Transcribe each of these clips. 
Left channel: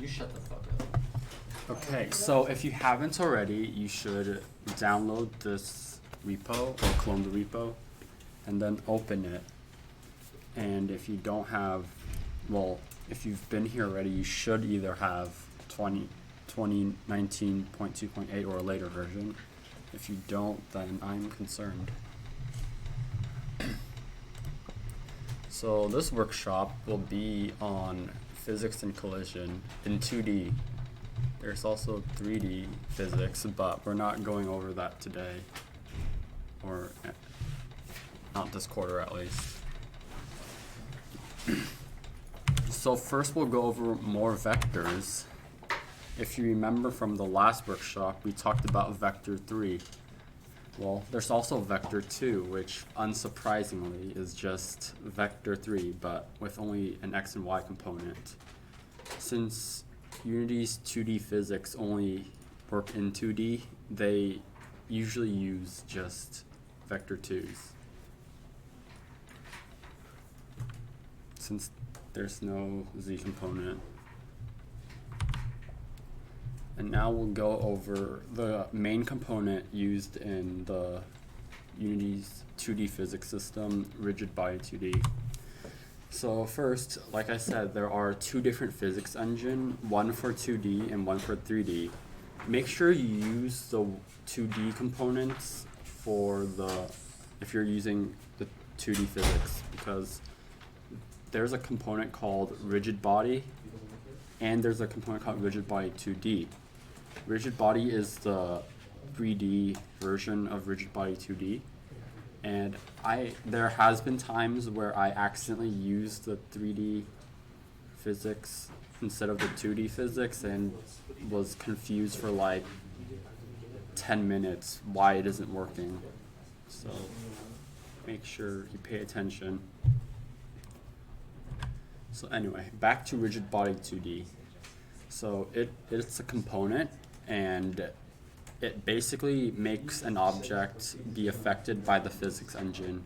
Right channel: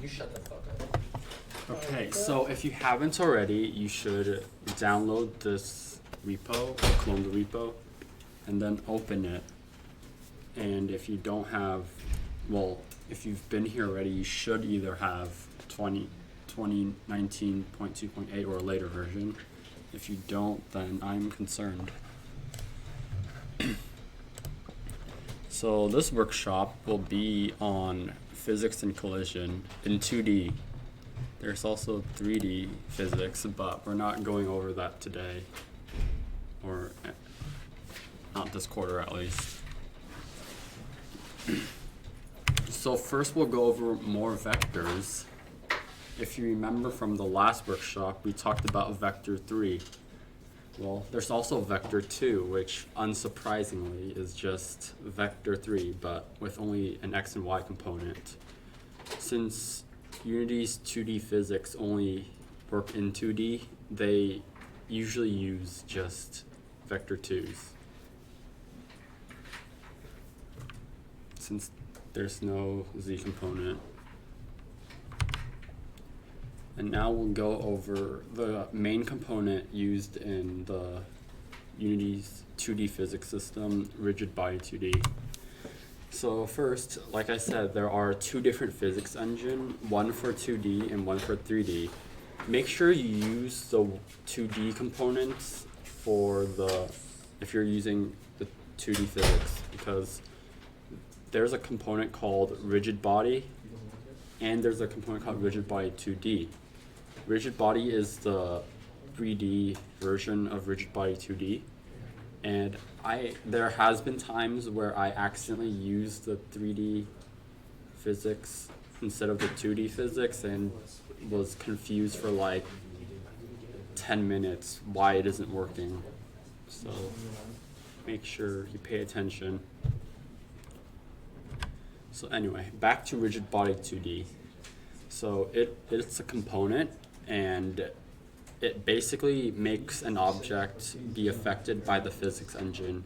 You shut the fuck up. Okay, so if you haven't already, you should download this repo or clone the repo and then open it. And if you don't have, well, if you've been here already, you should either have 2019.2.8 or a later version. If you don't, then I'm concerned. So this workshop will be on physics and collision in 2D. There's also 3D physics, but we're not going over that today, or not this quarter at least. So first we'll go over more vectors. If you remember from the last workshop, we talked about vector 3. Well, there's also vector 2, which unsurprisingly is just vector 3, but with only an x and y component. Since Unity's 2D physics only work in 2D, they usually use just vector 2s. Since there's no z component. And now we'll go over the main component used in the Unity's 2D physics system, rigid body 2D. So first, like I said, there are two different physics engines, one for 2D and one for 3D. Make sure you use the 2D components for if you're using the 2D physics, because there's a component called rigid body and there's a component called rigid body 2D. Rigid body is the 3D version of rigid body 2D, and there has been times where I accidentally used the 3D physics instead of the 2D physics and was confused for like 10 minutes why it isn't working. So make sure you pay attention. So anyway, back to rigid body 2D. So it's a component, and it basically makes an object be affected by the physics engine.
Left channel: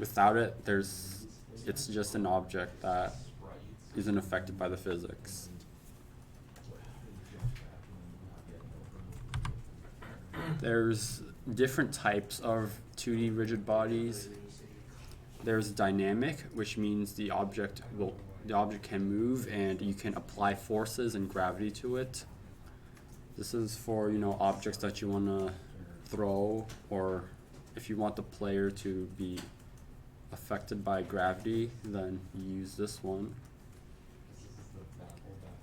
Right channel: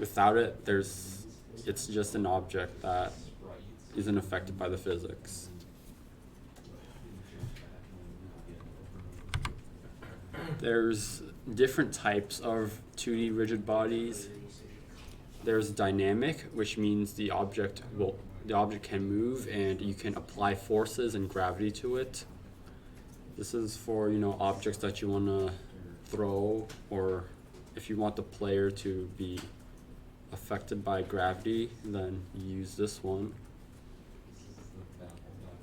Without it, it's just an object that isn't affected by the physics. There's different types of 2D rigid bodies. There's dynamic, which means the object can move and you can apply forces and gravity to it. This is for, objects that you want to throw, or if you want the player to be affected by gravity, then you use this one.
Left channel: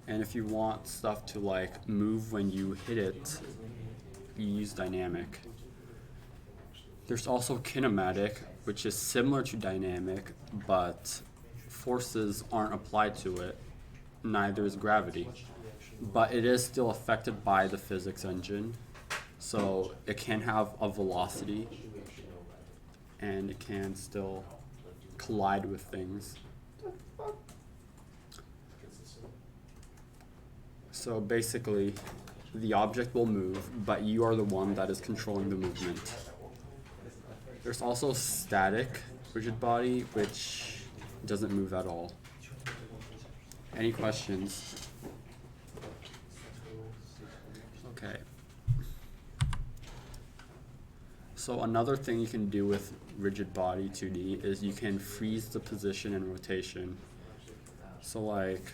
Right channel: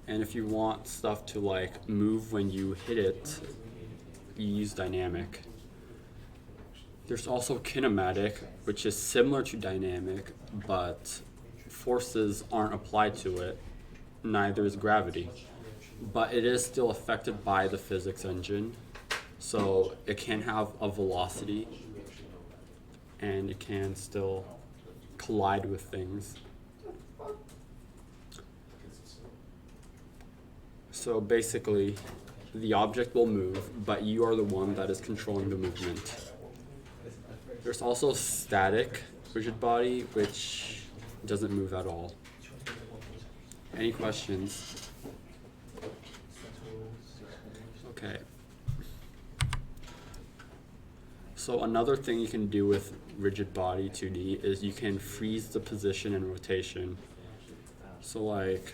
And if you want stuff to like move when you hit it, you use dynamic. There's also kinematic, which is similar to dynamic, but forces aren't applied to it, neither is gravity. But it is still affected by the physics engine, so it can have a velocity, and it can still collide with things. So basically, the object will move, but you are the one that is controlling the movement. There's also static rigid body, which doesn't move at all. Any questions? Okay. So another thing you can do with rigid body 2D is you can freeze the position and rotation. So like,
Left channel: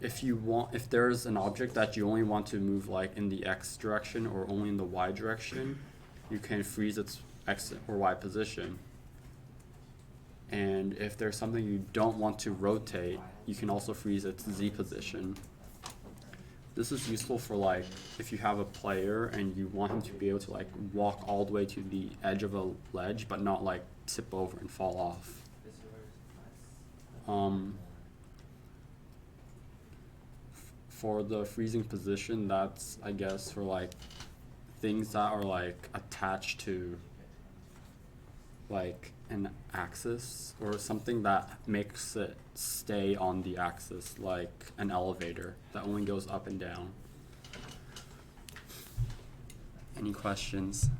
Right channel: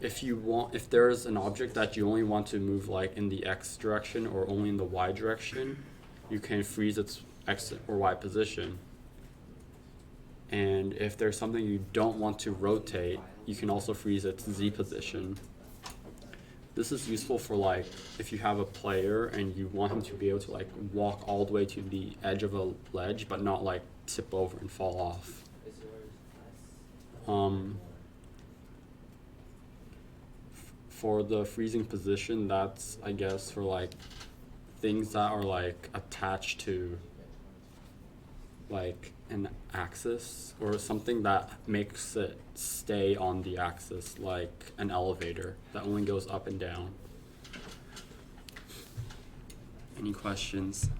if there's an object that you only want to move like in the X direction or only in the Y direction, you can freeze its X or Y position. And if there's something you don't want to rotate, you can also freeze its Z position. This is useful for like if you have a player and you want him to be able to like walk all the way to the edge of a ledge but not like tip over and fall off. For the freezing position, that's I guess for like things that are like attached to like an axis or something that makes it stay on the axis, like an elevator that only goes up and down. Any questions?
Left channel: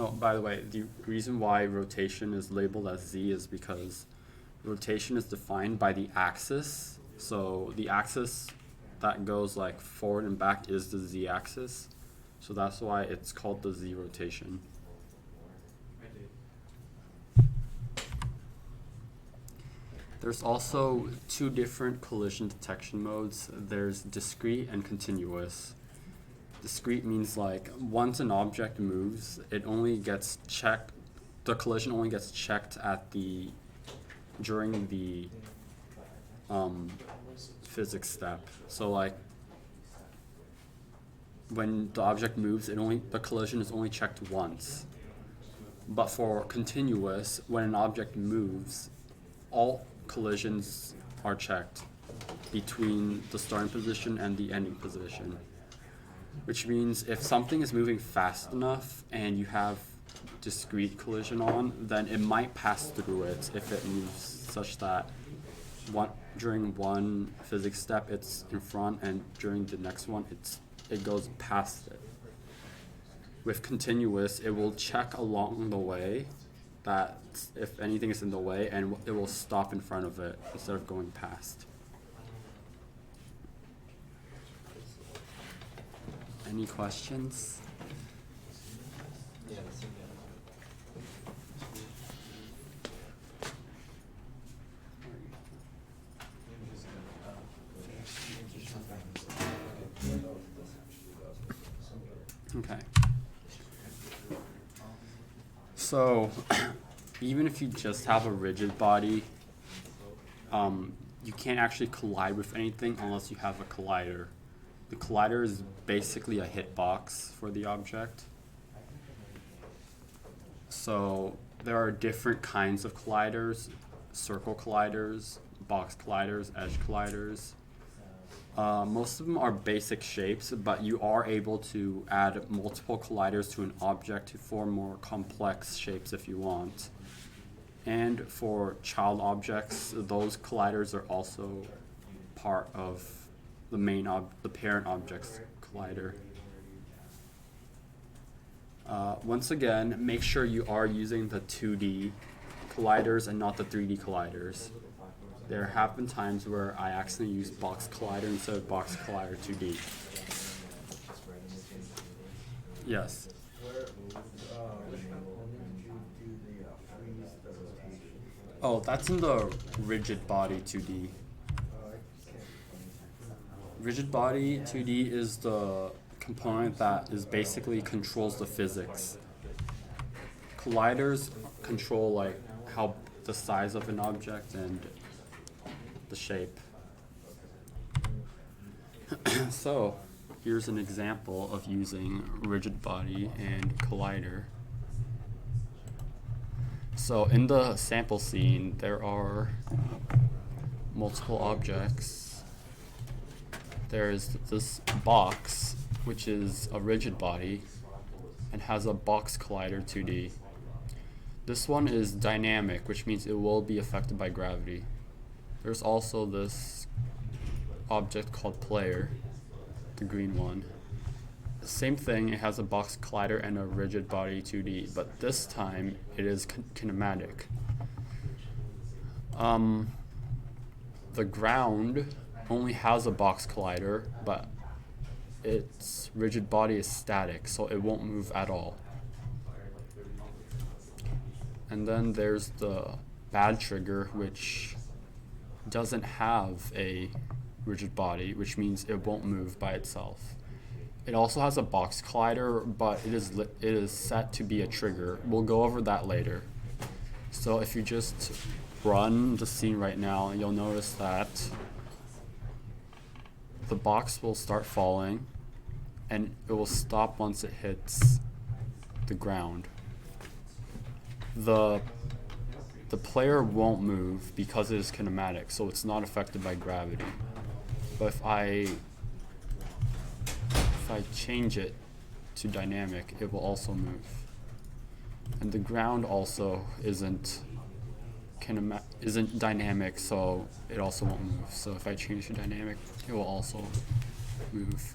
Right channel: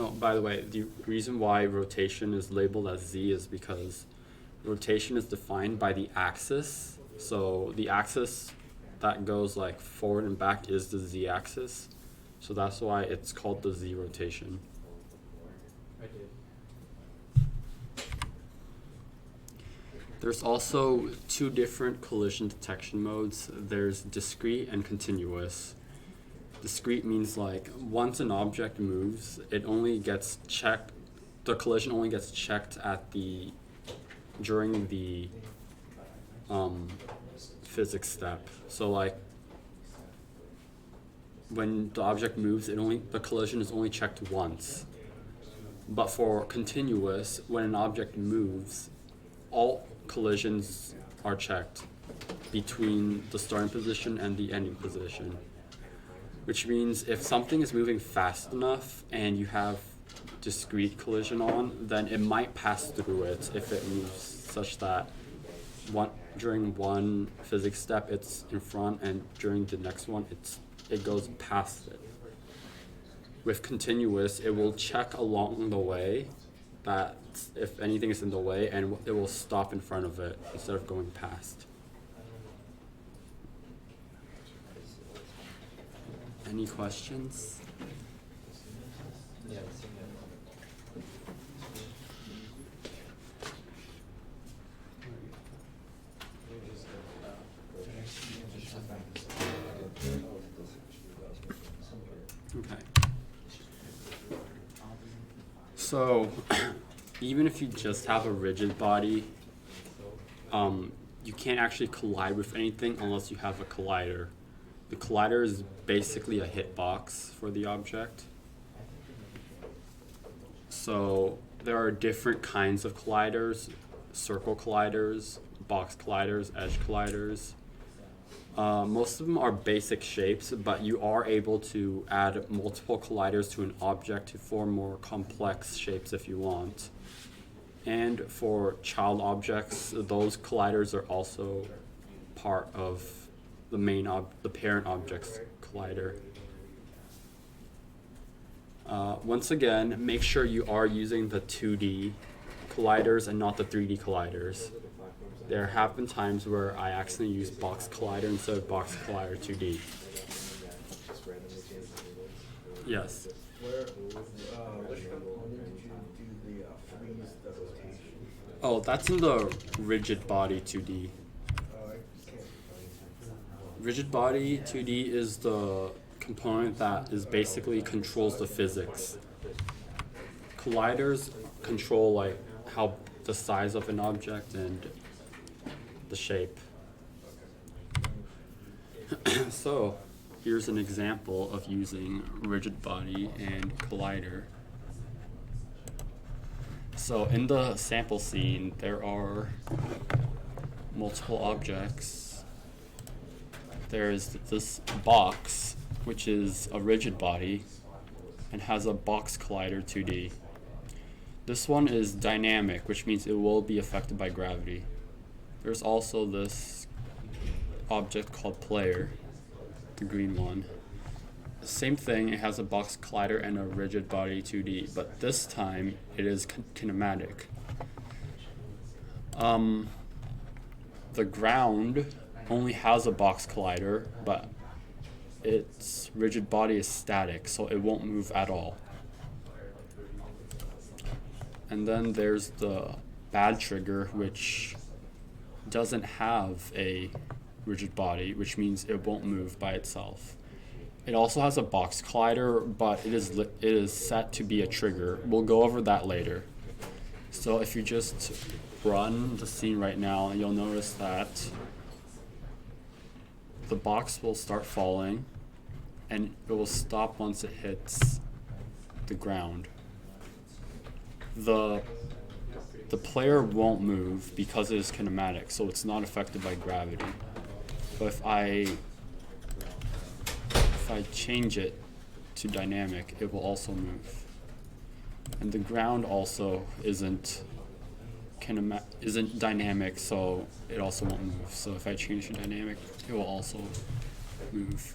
Oh, by the way, the reason why rotation is labeled as Z is because rotation is defined by the axis. So the axis that goes like forward and back is the Z axis. So that's why it's called the Z rotation. There's also two different collision detection modes. There's discrete and continuous. Discrete means like once an object moves, it only gets checked, the collision only gets checked at during the physics step. So like when the object moves, the collision is only checked once. But for continuous, when an object moves, all collisions are checked between the starting position and the ending position. Which means if something is moving fast enough and you have discrete collision on, then it might pass through it if it moves such that during one physics step it's in front and during the next one it goes past it. With continuous, it will check along the way that if anything is in the way, and it will stop in front of it instead of going past. Any questions? Okay. So, even if you just have a rigid body, you can't actually collide with anything unless you have a collider. The collider is basically a hitbox for the object. So there are different kinds of colliders: circle colliders, box colliders, edge colliders. Most of them are basic shapes, but you are able to add multiple colliders to an object to form more complex shapes if you want. And for child objects, those colliders are also part of the parent object's collider. Once again, make sure you are using the 2D colliders and not the 3D colliders. There have been times where I accidentally used box collider instead of box collider 2D. Yes. Oh, that's in the rigid body 2D. Rigid body 2D is the component that basically controls the physics. Colliders control like how the size of an object and the shape. So here's an example of using rigid body and collider. So in the sample scene, there are multiple objects. There's this box, which is a rigid body and has a box collider 2D. This one is dynamic, which means it will be affected by gravity. There's also this object called player, the green one. Same thing, it has a box collider and a rigid body 2D, but this time it is kinematic. The ground only has a box collider, but its rigid body is static, so it won't move at all. And then there's the bad trigger, which doesn't have a rigid body, which means it won't move by itself. It also has a box collider, but it is set to be a trigger. We'll go over that later. So if you just run the scene right now, you'll notice that the box will start falling and it will stop once it hits the ground. The player won't move because it is kinematic, so it's not affected by gravity. But if I change it to dynamic, it will also move. And the ground also isn't dynamic, so it also won't move. So if I change to dynamic, it will also move.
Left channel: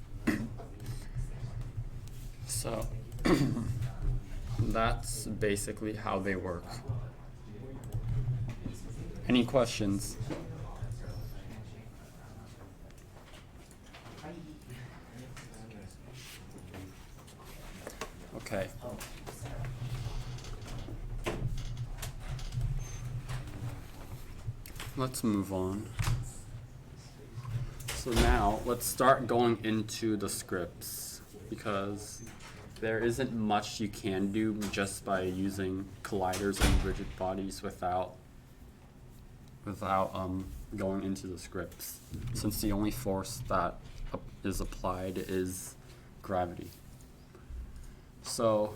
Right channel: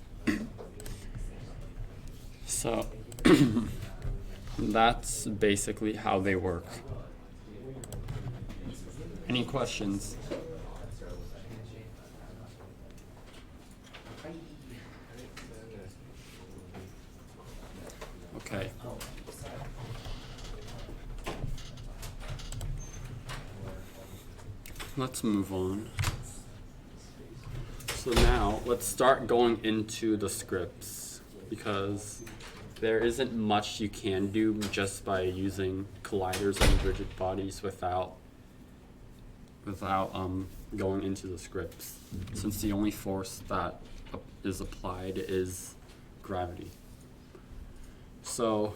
So that's basically how they work. Any questions? Okay. Let's move on. So now let's start going into the scripts, because there isn't much you can do just by using colliders and rigid bodies without going into the scripts, since the only force that is applied is gravity. So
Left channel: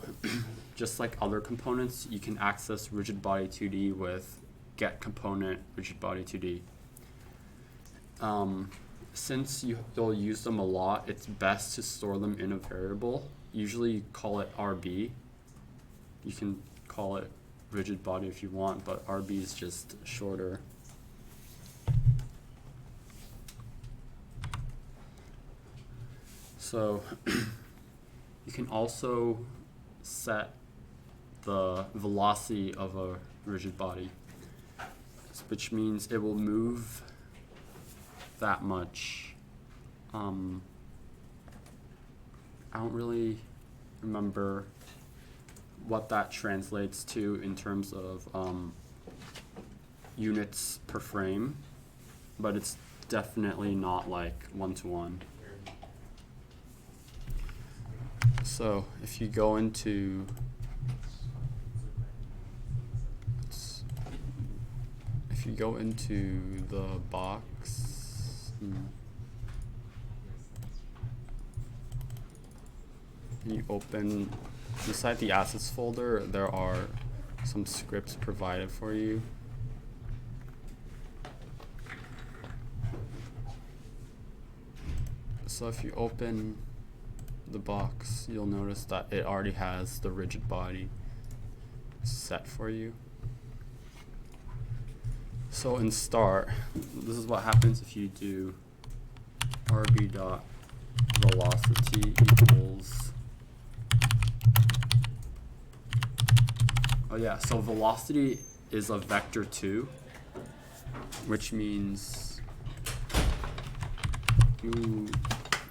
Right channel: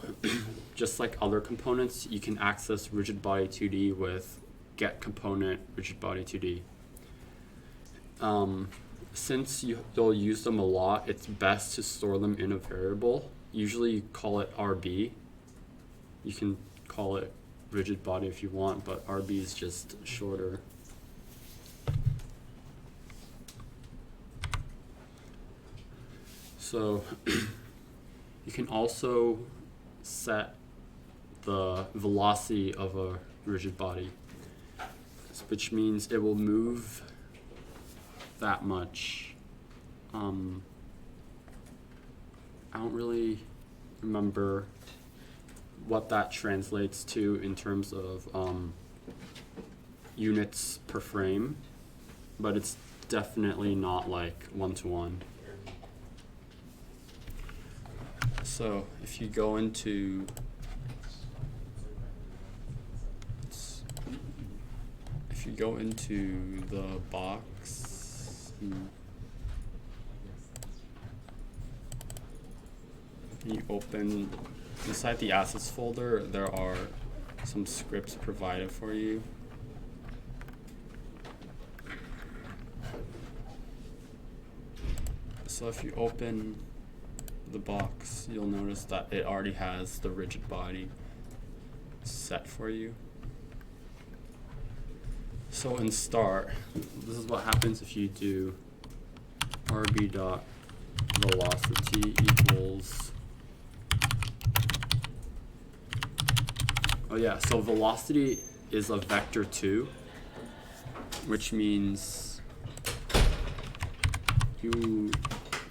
just like other components, you can access rigid body 2D with get component rigid body 2D. Since you'll use them a lot, it's best to store them in a variable. Usually you call it RB. You can call it rigid body if you want, but RB is just shorter. So you can also set the velocity of a rigid body, which means it will move that much. I don't really remember what that translates to in terms of units per frame, but it's definitely not like 1-to-1. So if you go into the box, you open inside the assets folder, there are some scripts provided for you. So if you open the box, you'll notice that it already has the rigid body set for you. So in start, this is what happens if you do rb dot velocity equals, so velocity is a vector 2, which means you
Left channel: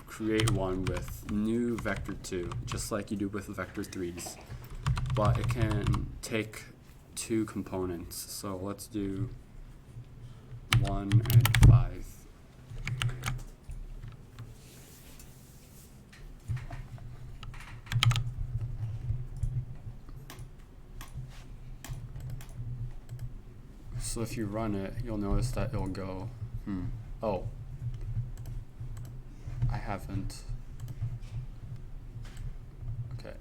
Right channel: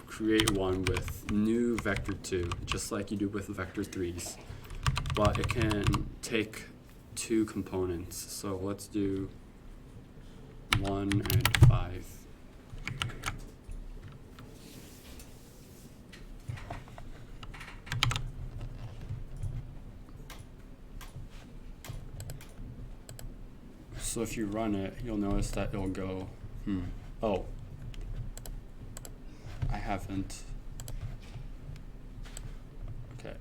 create one with new vector 2, just like you do with vector 3s, but it can take 2 components. So let's do 1 and 5. So if you run it, you'll notice that it'll go, oh, I haven't. Okay,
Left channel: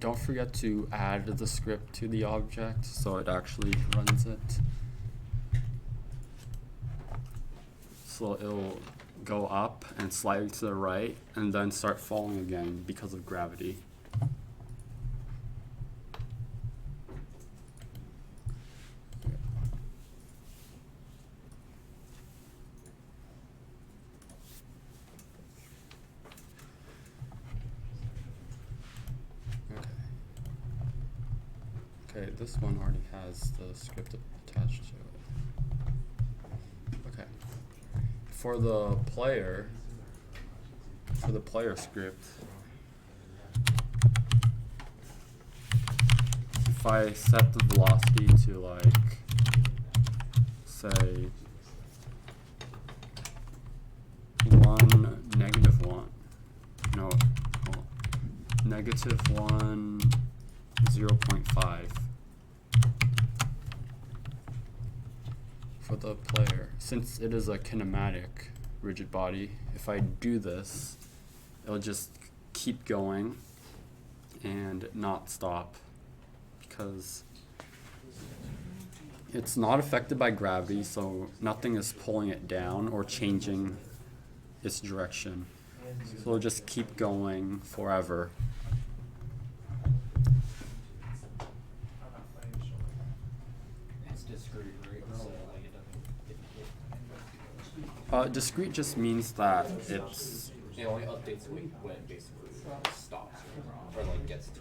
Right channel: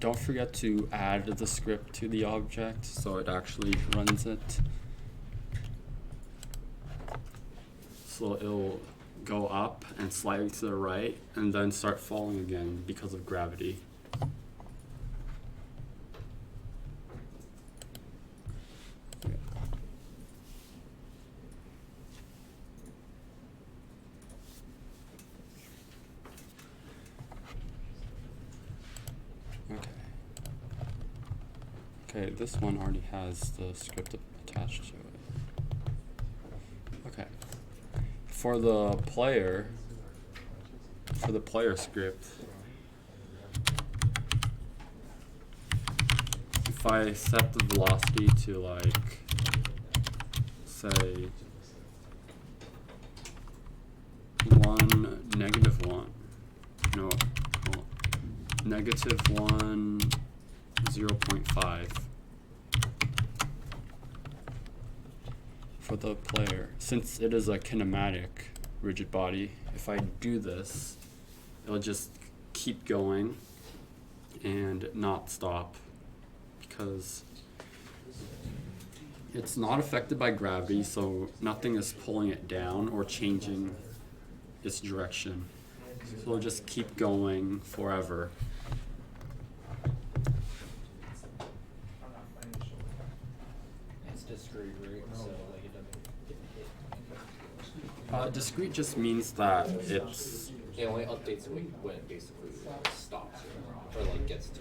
don't forget to add the script to the object so it actually runs it. So it'll go up and slightly to the right and then start falling again because of gravity. Okay, this one already has the script attached to it. Okay. For the player script, if I set the velocity to like, say, -1, 0.5 for the player. Since it is a kinematic rigid body, if I do this, it'll just keep going and not stop, because it's not affected by gravity, so nothing is pulling it down or changing its direction. So it'll just keep going forever. Discrete just means that it's... It only updates when it basically stops or like gets to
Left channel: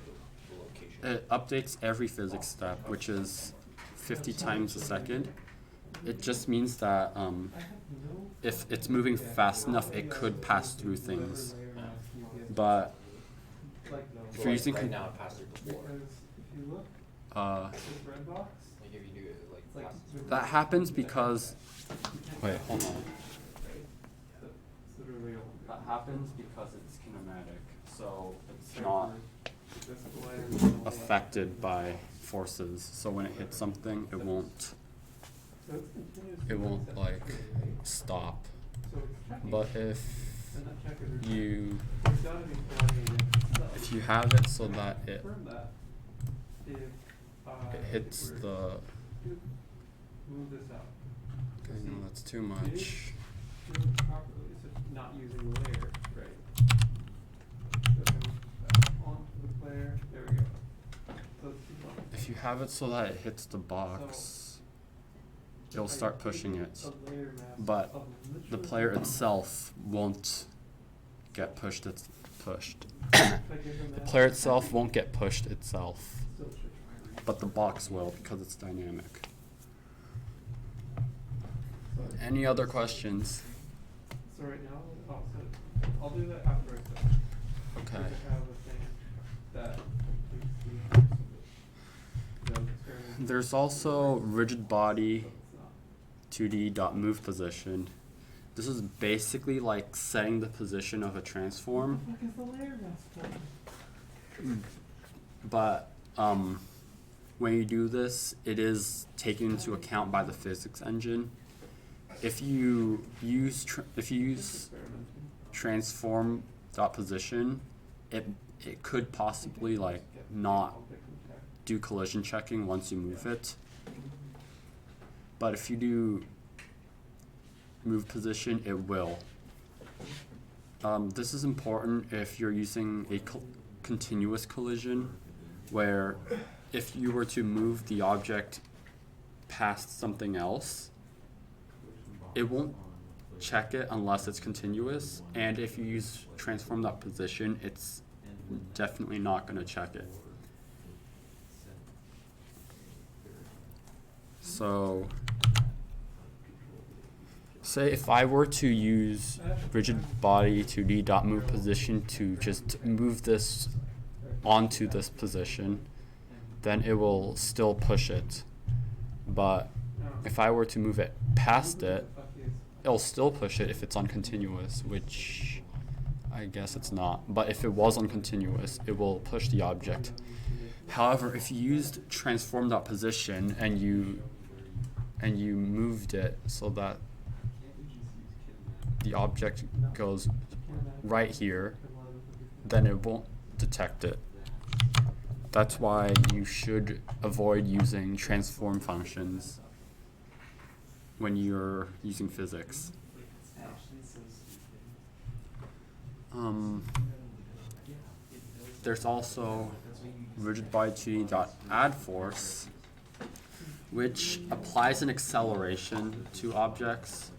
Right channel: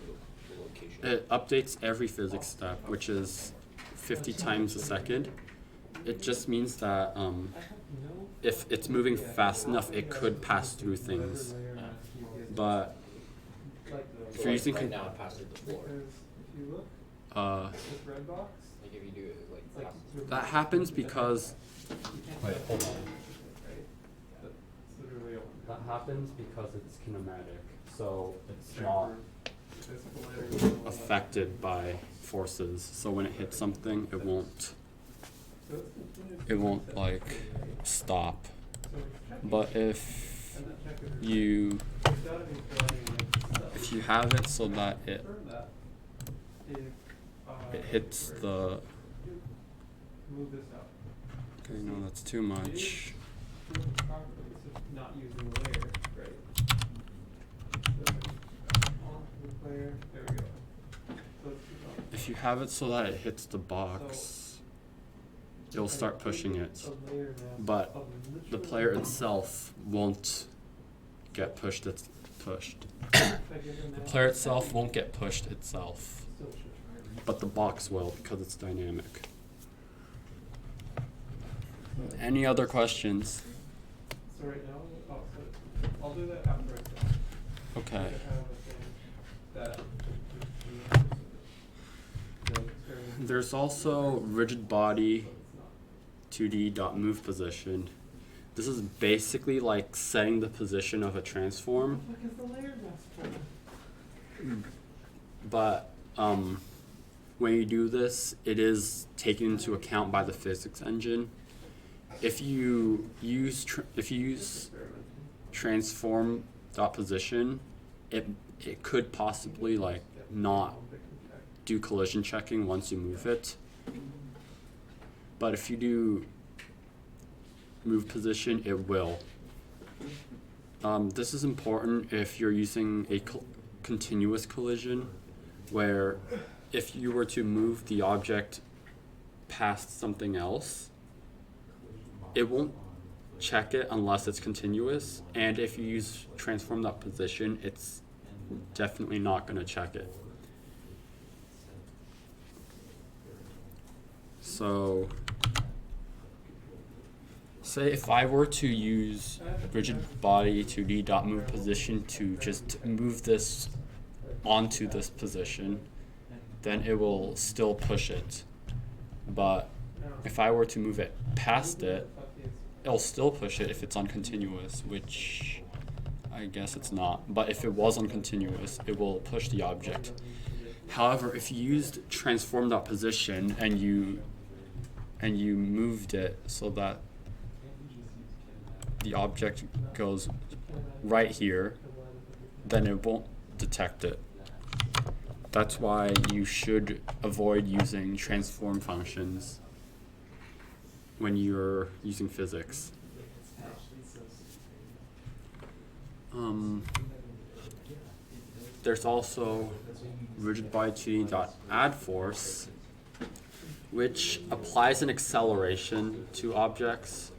the location. it updates every physics step, which is 50 times a second. It just means that if it's moving fast enough, it could pass through things. But if you're using right now, it passes the floor. Like if you do it, like passes that happens because wait, hold on. That happens because it's kinematic, so it's not affected by forces. So when it hits something, it won't like stop. But if you have it so that it hits the okay, no, that's too much. Not using the layer, right? Onto the layer. There we go. So If you have it so that it hits the box, it'll start pushing it. But the player itself won't get pushed. It's pushed. The player itself won't get pushed itself, but the box will because it's dynamic. Any other questions? So right now, I'll do that after I start. Okay. I have a thing that There's also rigid body 2D dot move position. This is basically like setting the position of a transform. what the fuck is the layer mask for? But when you do this, it is taken into account by the physics engine. If you use transform dot position, it could possibly like not do collision checking once you move it. But if you do move position, it will. This is important if you're using a continuous collision, where if you were to move the object past something else, it won't check it unless it's continuous, and if you use transform that position, it's definitely not going to check it. So say if I were to use rigid body 2D dot move position to just move this onto this position, then it will still push it. But if I were to move it past it, it'll still push it if it's uncontinuous, which I guess it's not. But if it was uncontinuous, it will push the object. However, if you used transform dot position and you moved it so that the object goes right here, then it won't detect it. That's why you should avoid using transform functions when you're using physics. There's also rigid body 2D dot add force, which applies an acceleration to objects.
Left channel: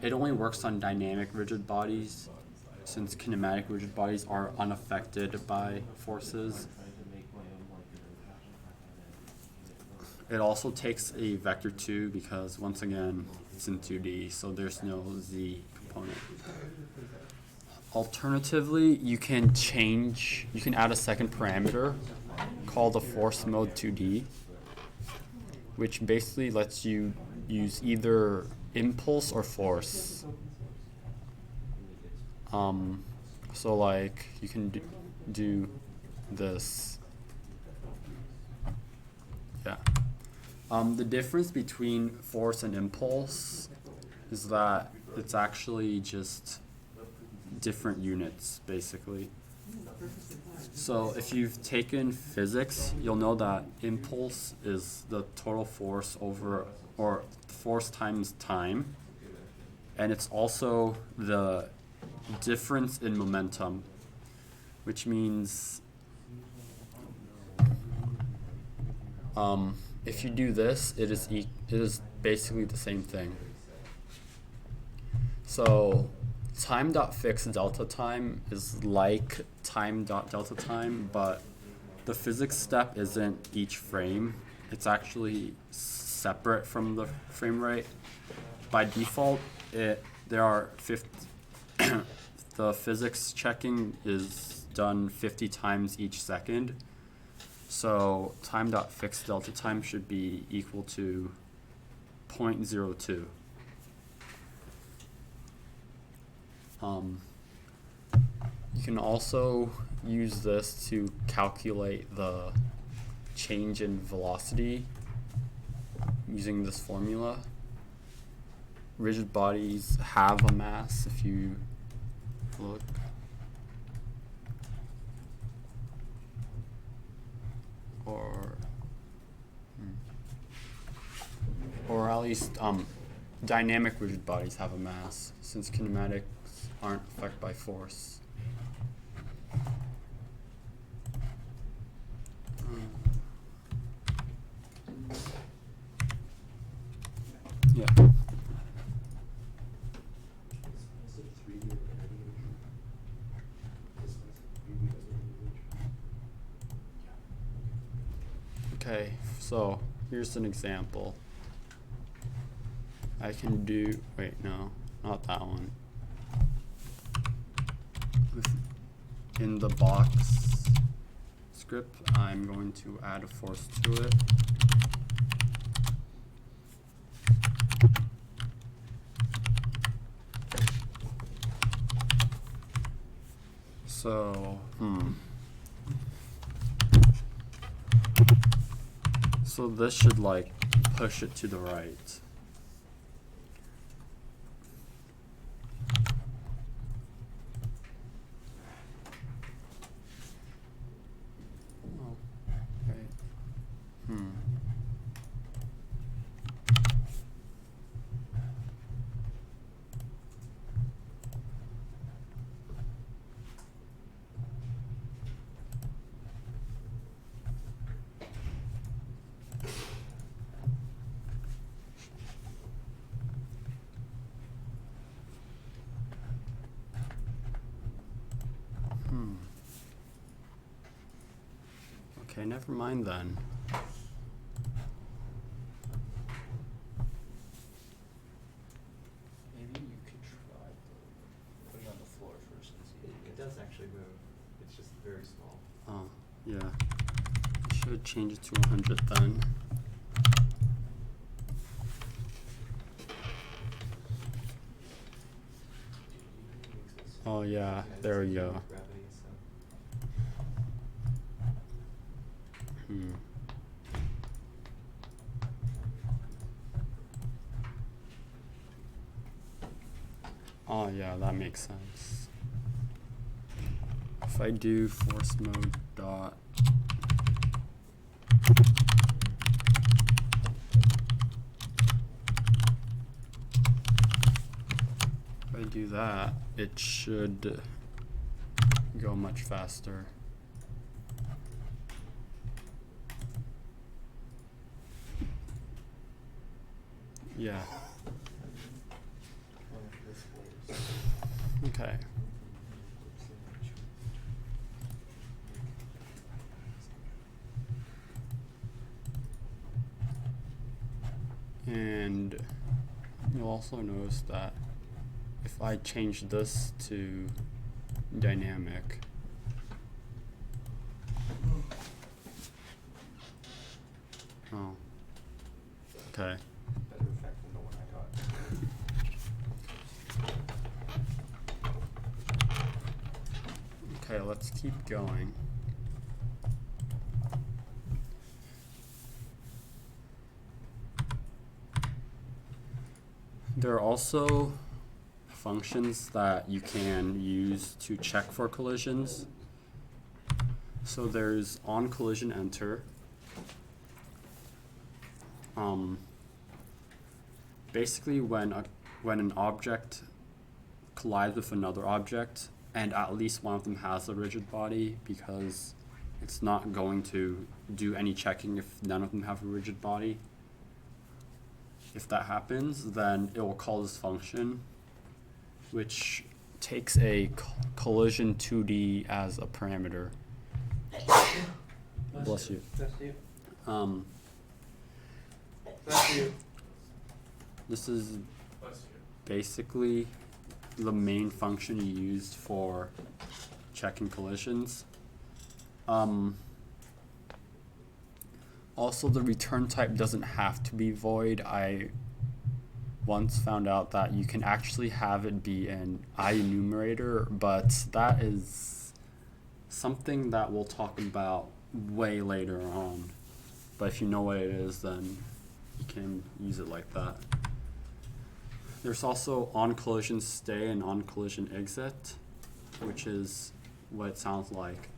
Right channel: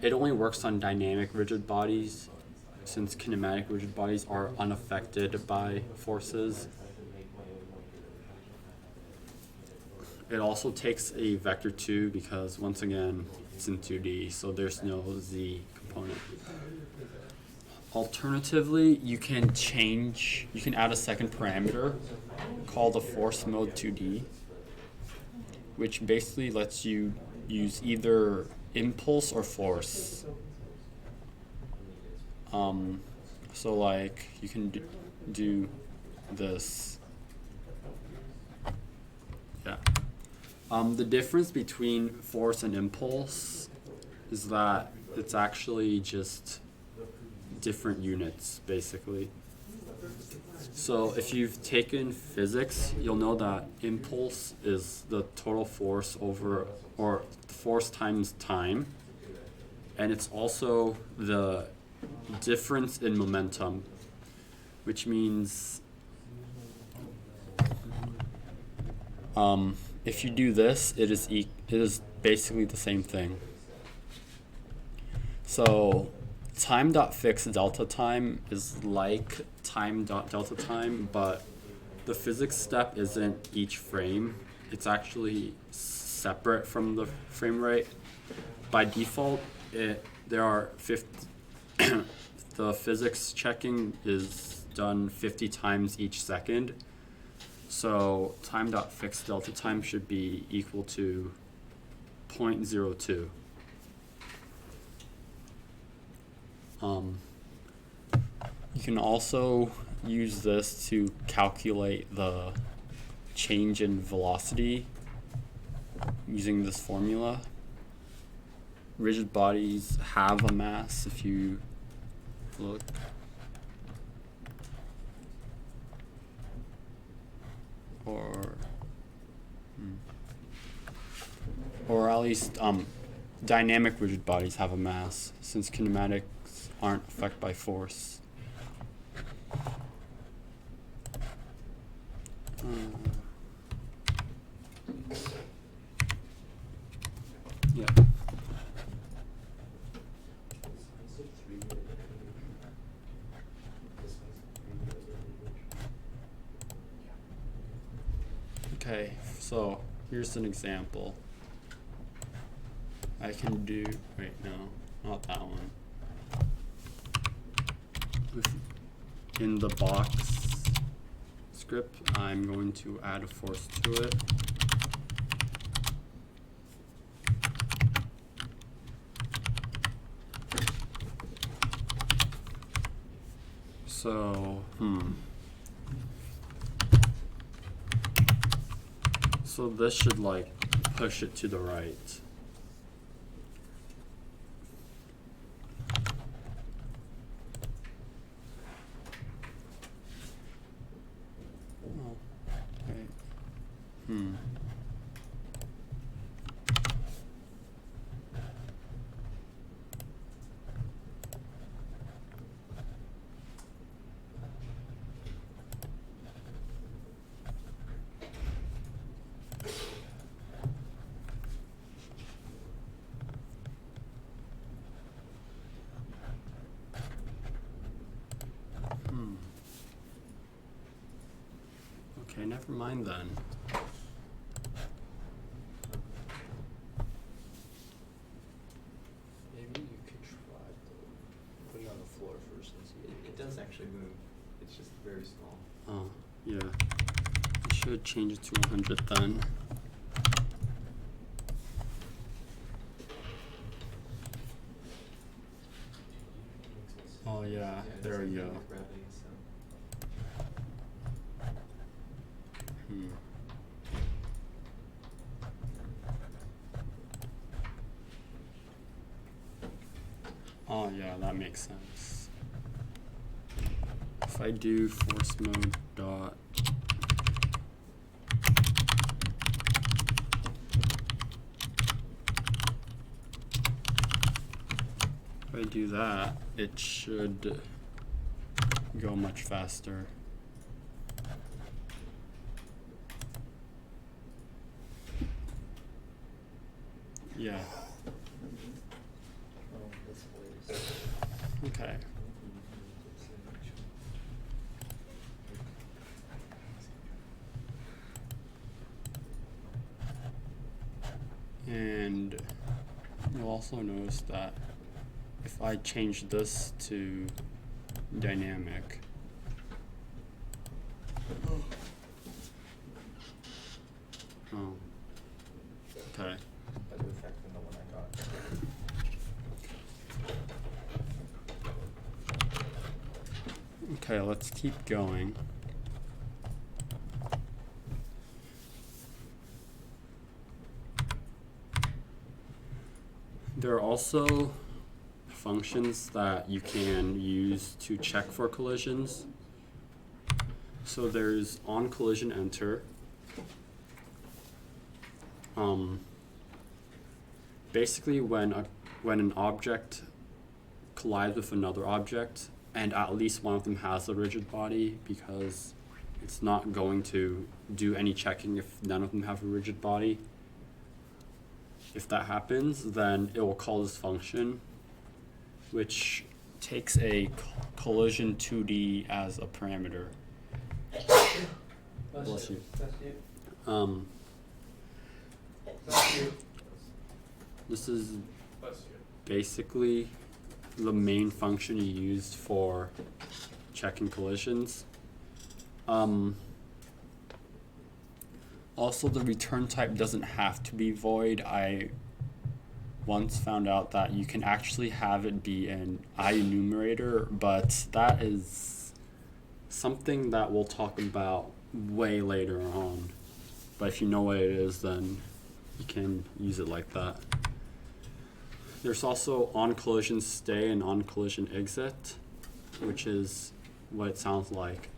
It only works on dynamic rigid bodies, since kinematic rigid bodies are unaffected by forces. It also takes a vector 2 because, once again, it's in 2D, so there's no z component. Alternatively, you can add a second parameter called a force mode 2D, which basically lets you use either impulse or force. So like you can do this. Yeah. The difference between force and impulse is that it's actually just different units, basically. So if you've taken physics, you'll know that impulse is the total force over, or force times time, and it's also the difference in momentum, which means if you do this, it is basically the same thing. So time dot fixed delta time is like time dot delta time, but the physics step isn't each frame. It's actually separate from the frame rate. By default, there are 50. The physics checking is done 50 times each second. So time.fixed delta time should be equal to 0.02. You can also use this to calculate the change in velocity using this formula. Rigid bodies have a mass if you look. Or at least dynamic rigid bodies have a mass, since kinematics aren't affected by force. Yeah. Okay, so here's an example. I can do, wait, no, not that one. In the box script, I'm going to add a force to it. So, So this should like push it to the right. Oh, right. Okay, never mind then. Maybe you could try putting it on the floor first and see. It does actually move. It's just very small. Oh, yeah. I should change it to 100 then. Oh yeah, there we go. Oh yeah, that makes sense. If I do force mode dot if I do that, it should go much faster. Yeah. Okay. And you'll also notice that if I change this to dynamic, oh, okay. Better effect than the one I got. Okay, let's keep going. There are also functions that you can use to check for collisions. So there's on collision enter. Basically when an object collides with another object, and at least one of them has a rigid body, because it's not going to do any checking if none of them have a rigid body. If that happens, then it will call this function, which takes a collision 2D as a parameter. Bless you. Bless you. Um, Bless you. this is Bless you. basically the main function you used for checking collisions. Also, the return type doesn't have to be void. I once found out that you can actually have it be an IEnumerator, but that is something that we'll talk about way later on. But if you know what it is, then you can use it like that. There's also on collision stay and on collision exit, which is what it sounds like.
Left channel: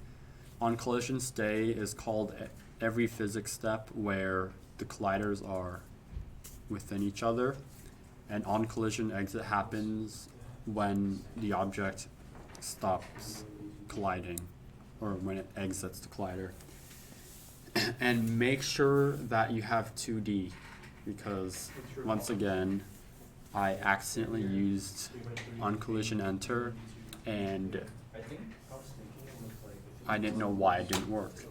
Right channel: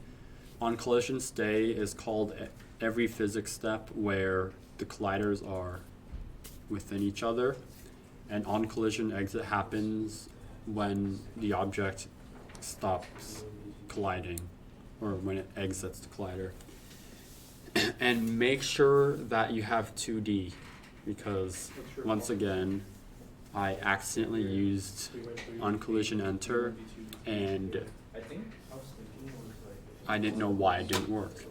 On collision stay is called every physics step where the colliders are within each other, and on collision exit happens when the object stops colliding or when it exits the collider. And make sure that you have 2D, because once again I accidentally used on collision enter and I didn't know why it didn't work.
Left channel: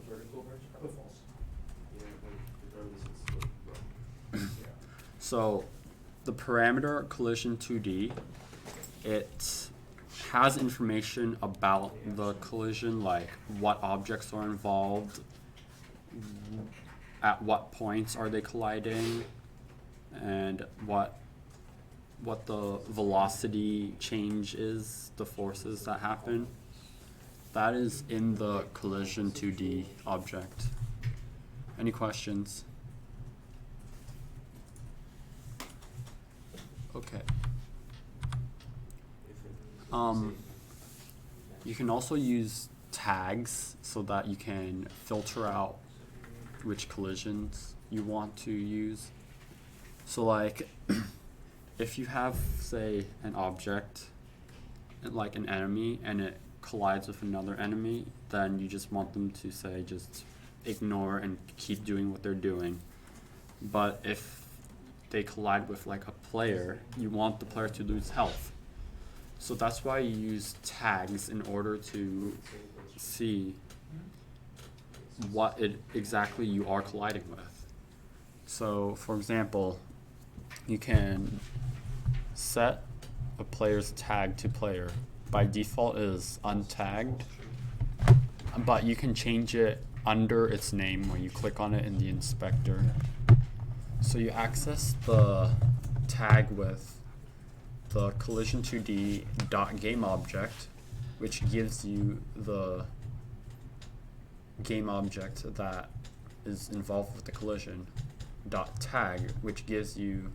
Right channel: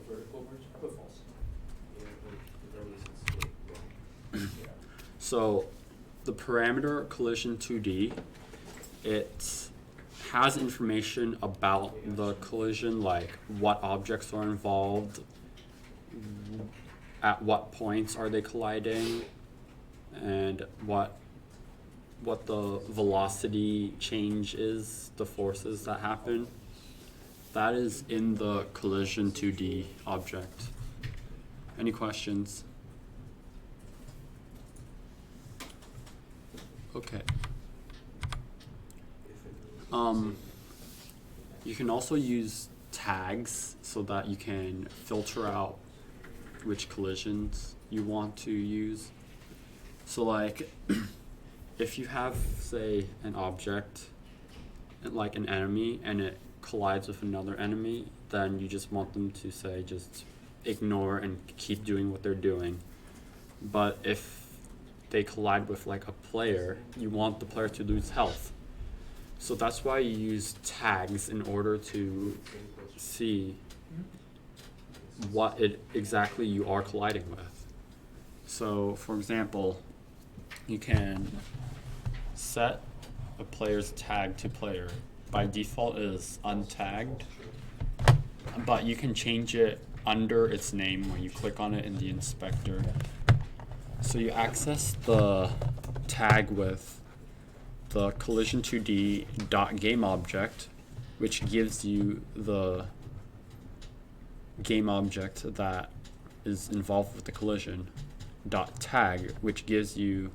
So the parameter collision 2D, it has information about the collision, like what objects are involved, at what points are they colliding, and what the velocity change is, the forces that happen. That is in the collision 2D object. Any questions? Okay. You can also use tags so that you can filter out which collisions you want to use. So like if you have, say, an object like an enemy and it collides with another enemy, then you just want them to, say, just ignore and keep doing what they're doing. But if they collide with like a player, you want the player to lose health. So that's why you use tags in order to see what it exactly you are colliding with. So for example, you can set a player's tag to player. By default it is untagged, but you can change it under its name when you click on it in the inspector. So you access the tag with the collision2d.gameObject, which gives you the game object that is involved with the collision, .tag, which gives you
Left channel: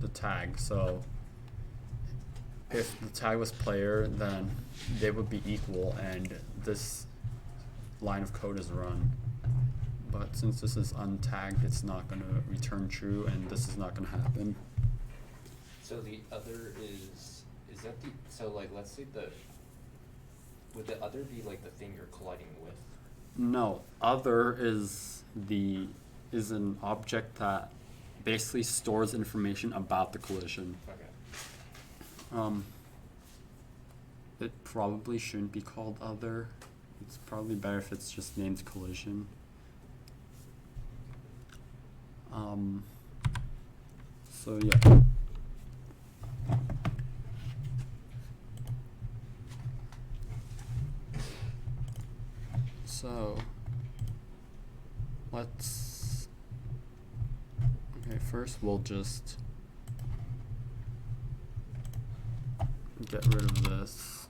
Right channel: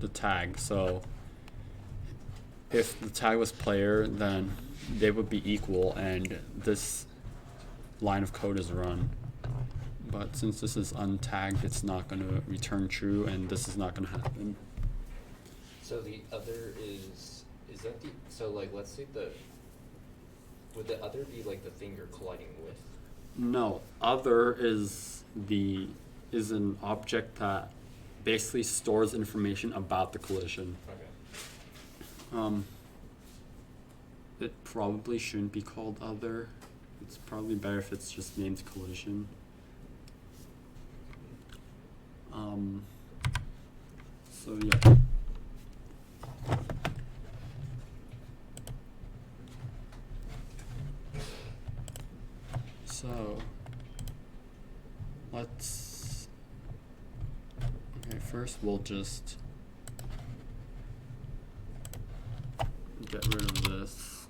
the tag. So if the tag was player, then they would be equal and this line of code is run. But since this is untagged, it's not going to return true, and this is not going to happen. So the other is that the, so like let's say would the other be like the thing you're colliding with? No, other is an object that basically stores information about the collision. Okay. It probably shouldn't be called other. It's probably better if it's just named collision. So yeah. So let's, okay, first we'll just get rid of this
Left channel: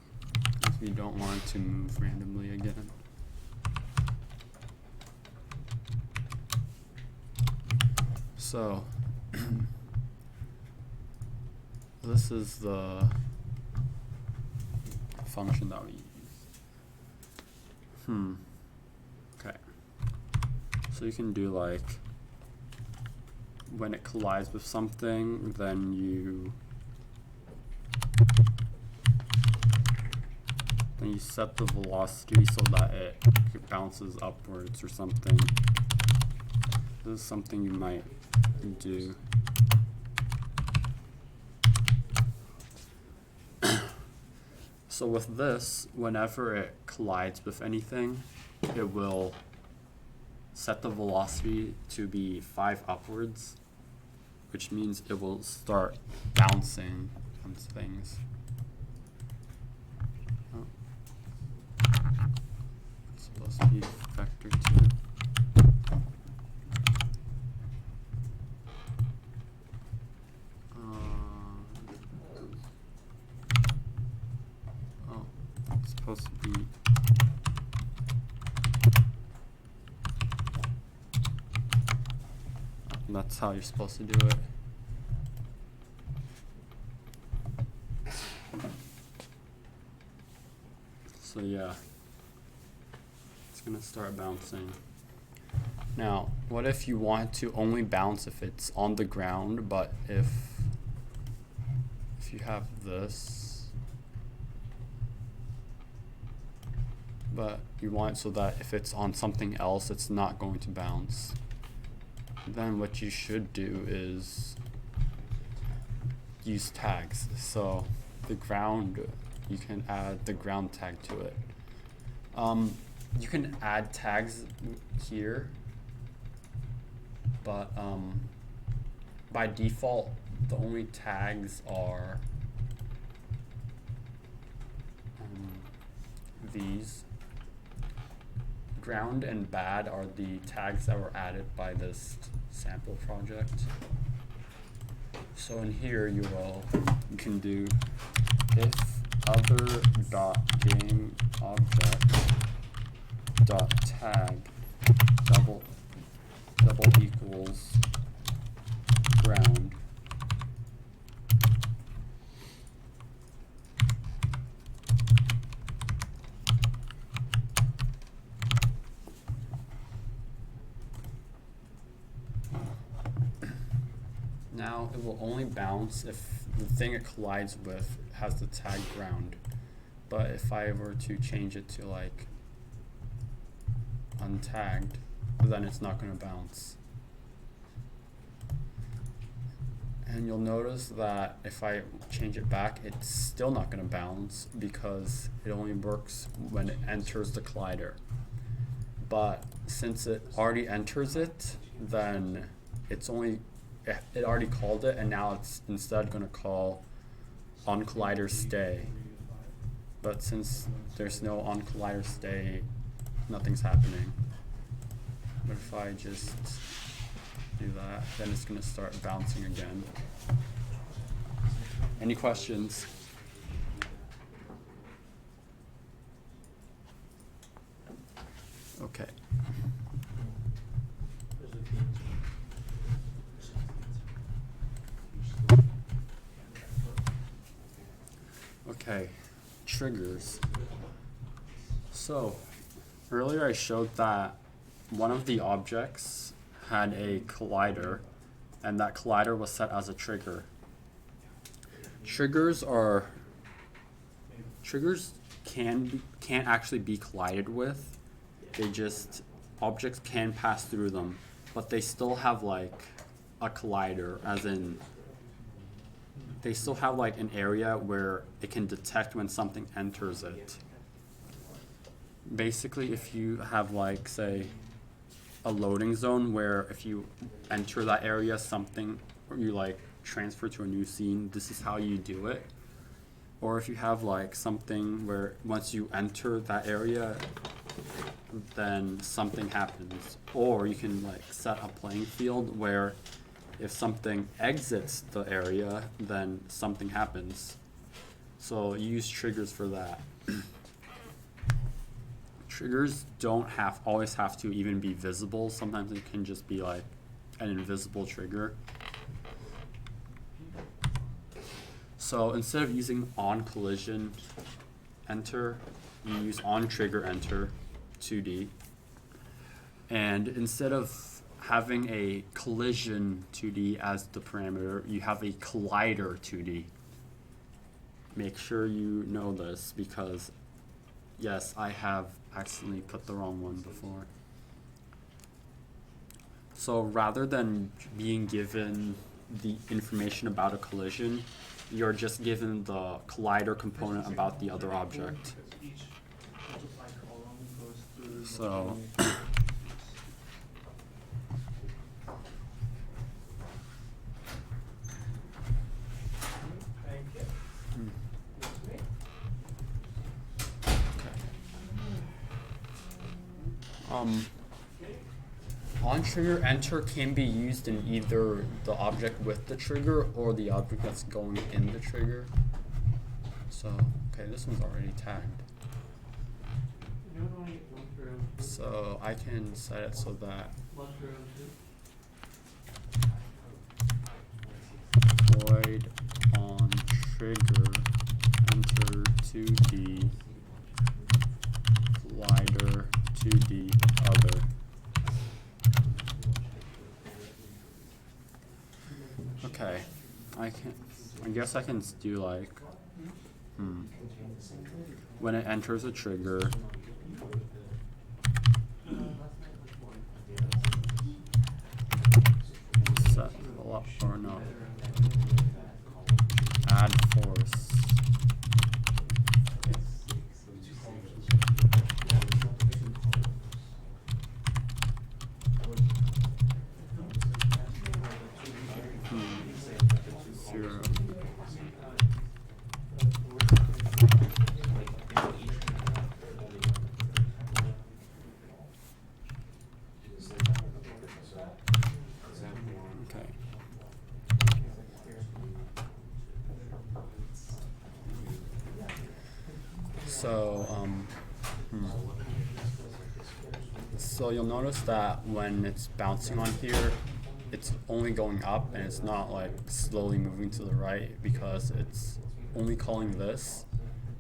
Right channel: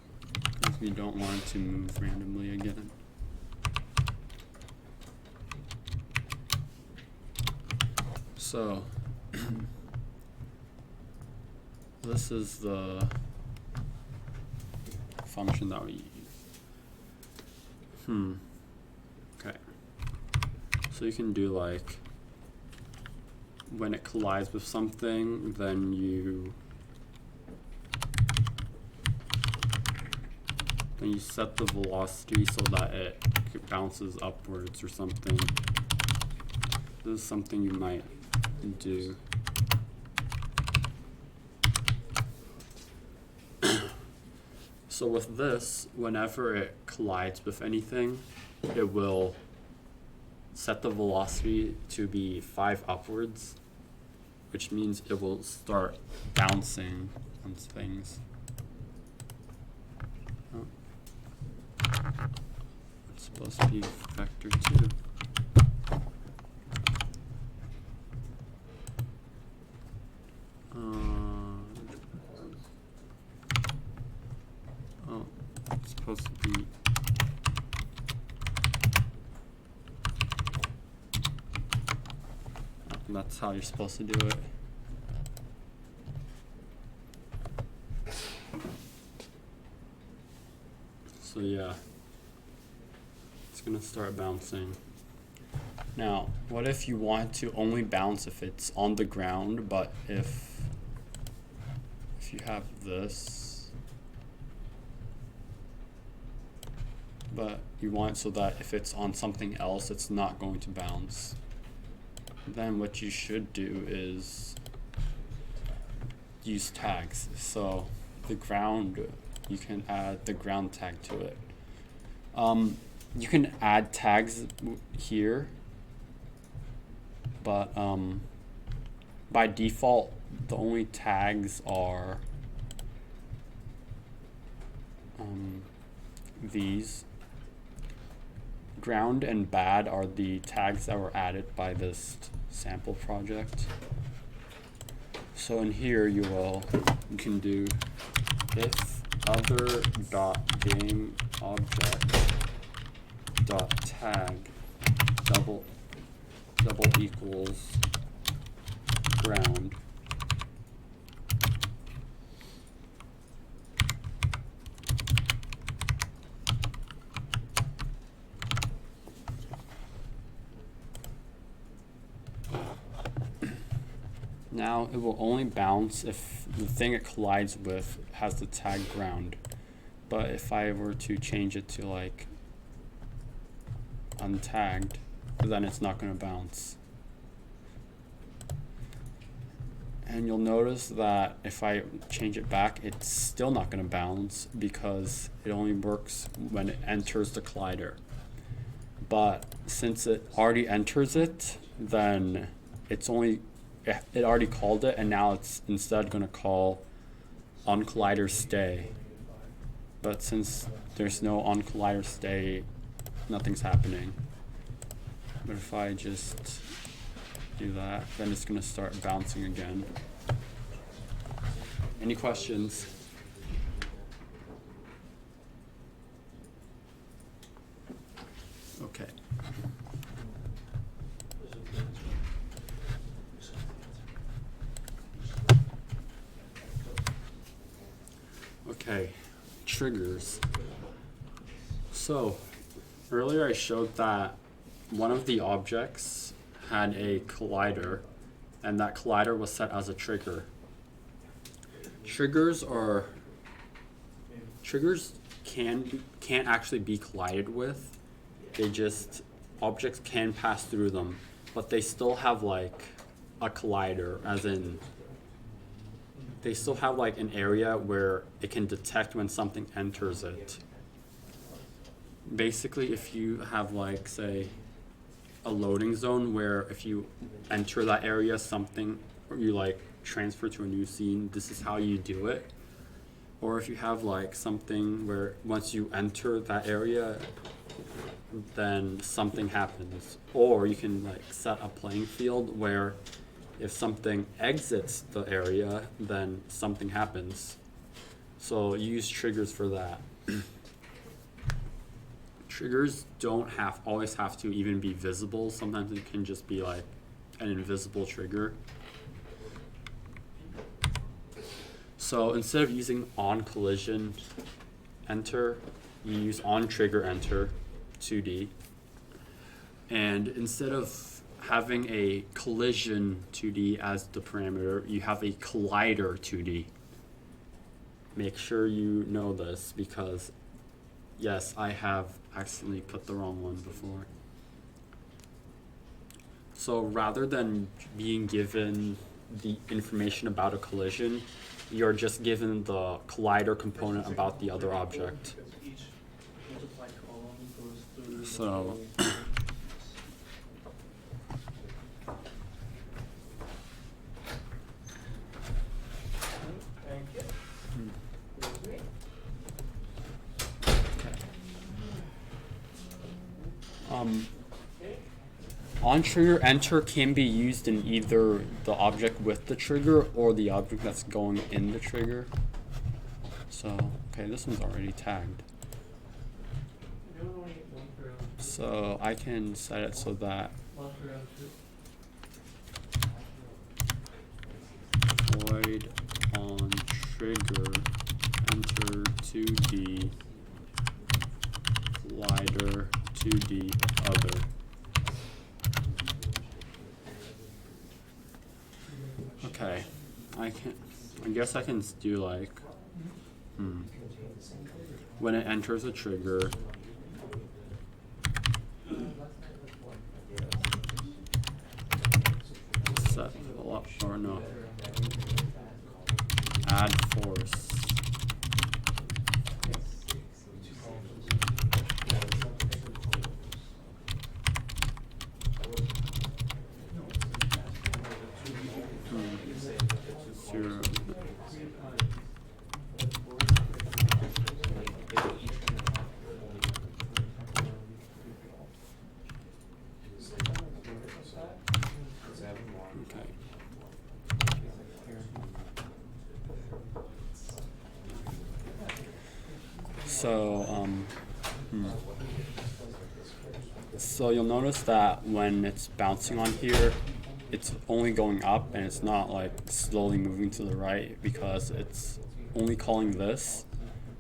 because we don't want it to move randomly again. So this is the function that we use. Okay. So you can do like when it collides with something, then you set the velocity so that it bounces upwards or something. This is something you might do. So with this, whenever it collides with anything, it will set the velocity to be 5 upwards, which means it will start bouncing on things. Oh. It's supposed to be vector 2. Oh, it's supposed to be that's how you're supposed to do it. So yeah, it's gonna start bouncing. Now, what if you want to only bounce if it's on the ground, but if you have this, but you want so that if it's on something else, it's not going to bounce, then what you should do is use tags. So the ground, you can add the ground tag to it. You can add tags here, but by default, the only tags are these. Ground and bad are the tags that were added by this sample project. So in here you can do if other dot game object dot tag double equals ground. Now it will only bounce if the thing it collides with has the tag ground. But if I were to change it to like untagged, then it's not going to bounce. And you'll notice that if I change it back, it's still not going to bounce because it only works when it enters the collider. But since it already enters it, then it already called it, and now it's instead going to call on collider stay. But since there's no on collider stay, nothing's happening. But if I just do that, then it's going to start bouncing again. Any questions? Okay. Okay, triggers. So, earlier I showed that one of the objects had a collider, and that collider was set as a trigger. Triggers can't actually be collided with. Objects can pass through them, but they still have like a collider, as in they still have like an area where it can detect when something enters it. Basically, if you have like, say, a loading zone where if you enter that area, or you like transfer to a new scene, this is how you do it. Or if you have like something where once you enter that area, then something happens. Or you can like set a playing field where if something exits the area, then something happens. So you use triggers for that. Triggers don't always have to even be visible. Sometimes it can just be like an invisible trigger. So instead of using on collision enter, you use on trigger enter 2D. And instead of having a collision 2D as the parameter, you have a collider 2D. Make sure you know this because, yes, I have accidentally put the wrong one before. So rather than being given the information about a collision, you're just given the collider component about the other object. On trigger, enter can be used in either the object with the trigger or the object that's going in the trigger. So, okay, this one's already tagged. So I can set it so that void on trigger enter 2D wider 2D other. Okay, I guess I can do like, when it enters a trigger, set up or no, add force. Zero. Okay. So, so you'll notice that when it's bouncing on here, it's only going up and it's not like slowly moving to the right because it's only calling this,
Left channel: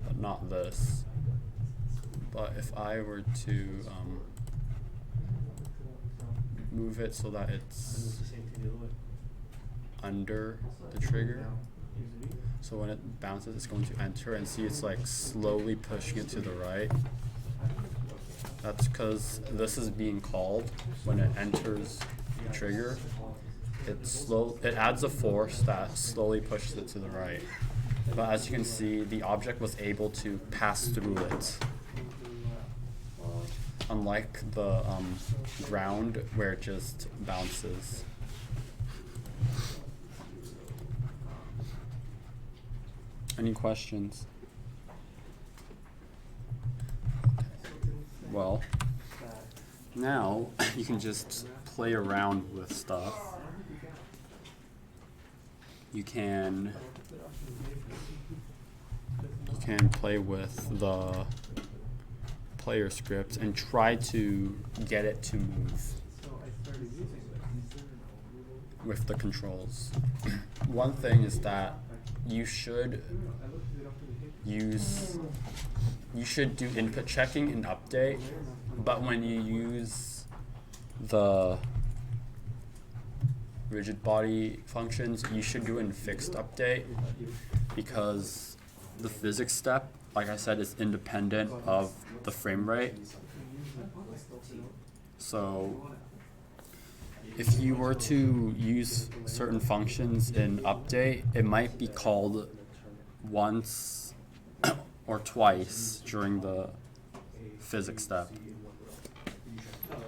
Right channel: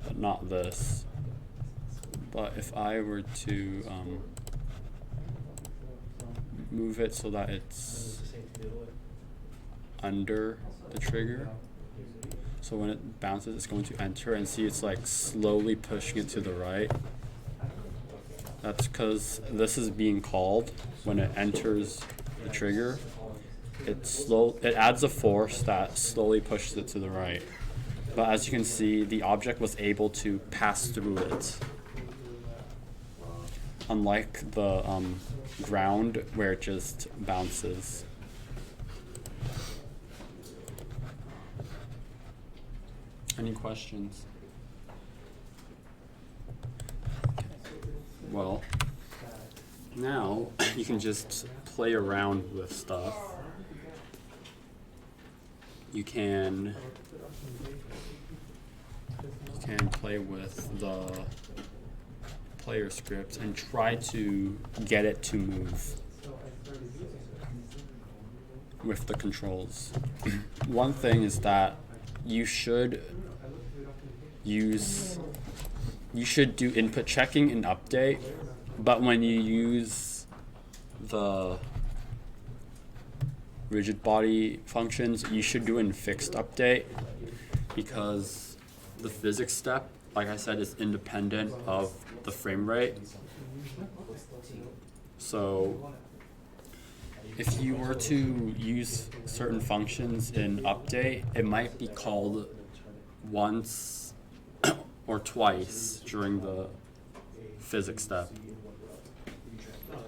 but not this. But if I were to move it so that it's under the trigger, so when it bounces it's going to enter, and see it's like slowly pushing it to the right. That's because this is being called when it enters the trigger. It adds a force that slowly pushes it to the right. But as you can see, the object was able to pass through it. Unlike the ground where it just bounces. Any questions? Well, now you can just play around with stuff. You can play with the player script and try to get it to move with the controls. One thing is that you should do input checking and update, but when you use the rigid body functions, you should do in fixed update, because the physics step, like I said, is independent of the frame rate. So if you were to use certain functions in update, it might be called once or twice during the physics step.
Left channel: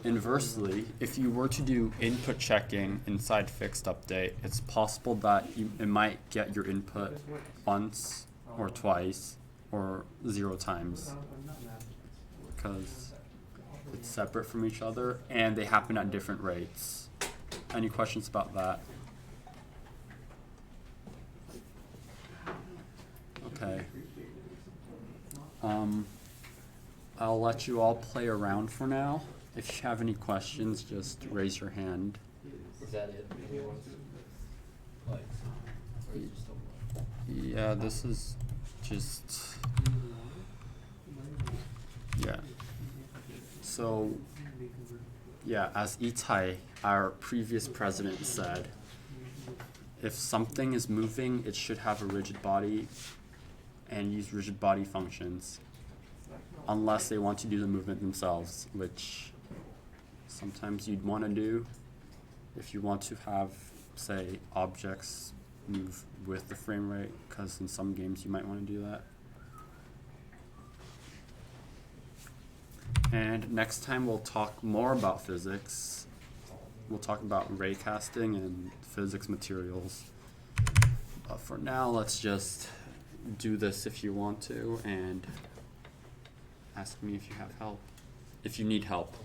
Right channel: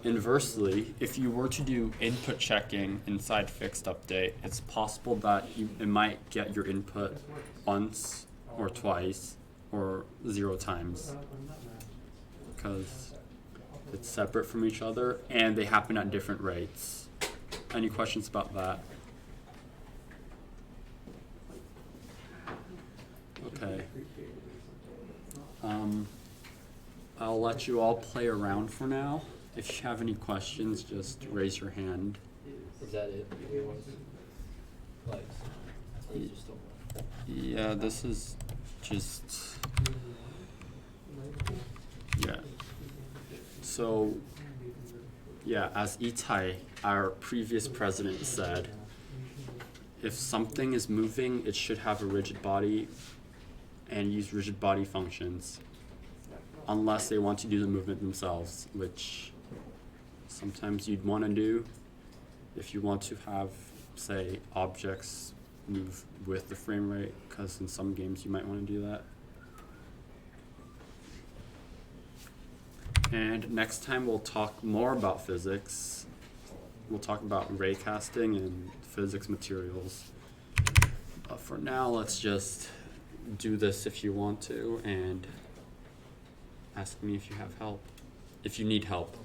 Inversely, if you were to do input checking inside fixed update, it's possible that it might get your input once or twice or 0 times, because it's separate from each other and they happen at different rates. Any questions about that? Okay. I'll let you all play around for now. If you have any questions, just raise your hand. Is that it? Like, or you just don't know? Yeah, this is just, yeah. So, yeah, as Itai, our previous president, said, if something is moving, it should have a rigid body and use rigid body functions, unless they want to do the movement themselves, which sometimes you'd want to do if you want to have, say, objects move with the frame rate, because in some games you might want to do that. And next time we'll talk more about physics. We'll talk about raycasting and physics materials. But for now, let's just do this if you want to, and ask me if you have help, if you need help.